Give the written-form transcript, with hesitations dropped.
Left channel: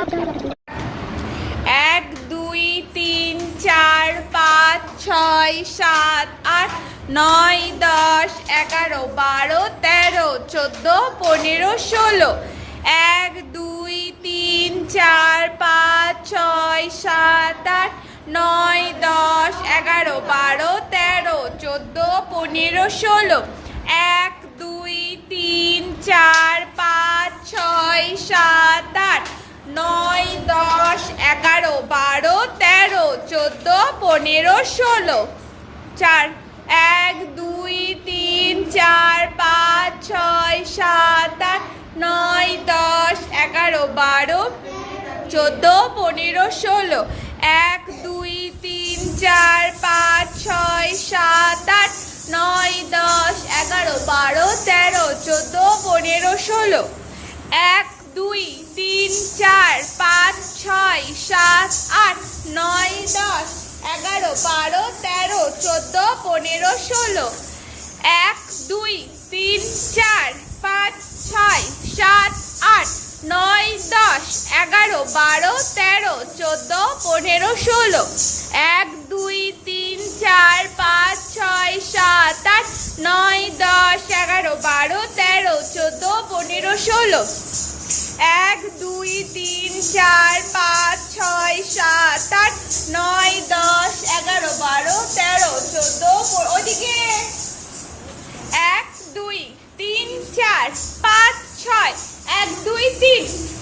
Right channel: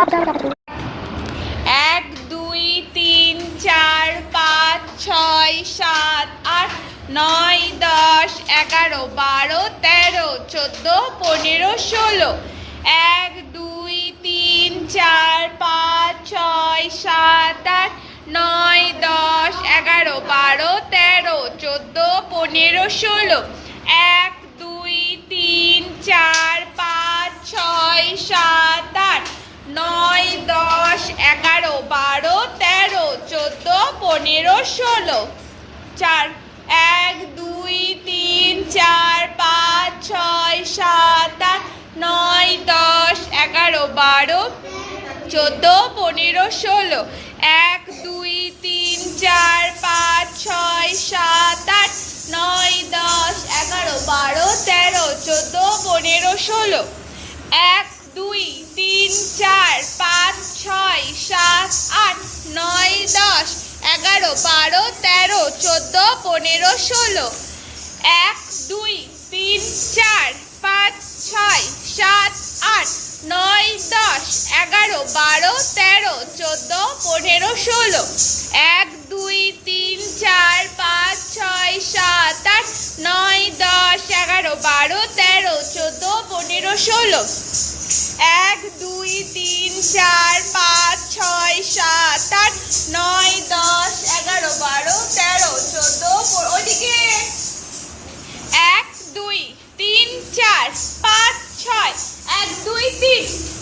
এক ২ ৩ ৪ ৫ ৬ ৭ ৮ ৯ ১০ ১১ ১২ ১৩ ১৪ ১৫ ১৬ এক ২ ৩ ৪ ৫ ৬ ৭ ৮ ৯ ১০ ১১ ১২ ১৩ ১৪ ১৫ ১৬ এক ২ ৩ ৪ ৫ ৬ ৭ ৮ ৯ ১০ ১১ ১২ ১৩ ১৪ ১৫ ১৬ চার এক ২ ৩ ৪ ৫ ৬ ৭ ৮ ৯ ১০ ১১ ১২ ১৪ ১৫ ১৬ এক ২ ৩ ৪ ৫ ৬ ৭ ৮ ৯ ১০ ১১ ১২ ১৩ ১৪ ১৫ ১৬ এক ২ ৩ ৪ ৫ ৬ ৭ ৮ ৯ ১০ ১১ ১২ ১৩ ১৪ ১৫ ১৬ এক ২ ৩ ৪ ৫ ৬ ৭ ৮ ৯ ১০ ১১ ১২ ১৩ ১৪ ১৫ ১৬ এক ২ ৩ ৪ ৫ ৬ ৭ ৮ ৯ ১০ ১১ ১২ ১৩ ১৪ ১৫ ১৬ এক ২ ৩ ৪ ৫ ৬ ৭ ৮ ৯ ১০ ১১ ১২ ১৩ ১৪ ওদিকে এক ২ ৩ ৪ ৫ ৬ এক ২ ৩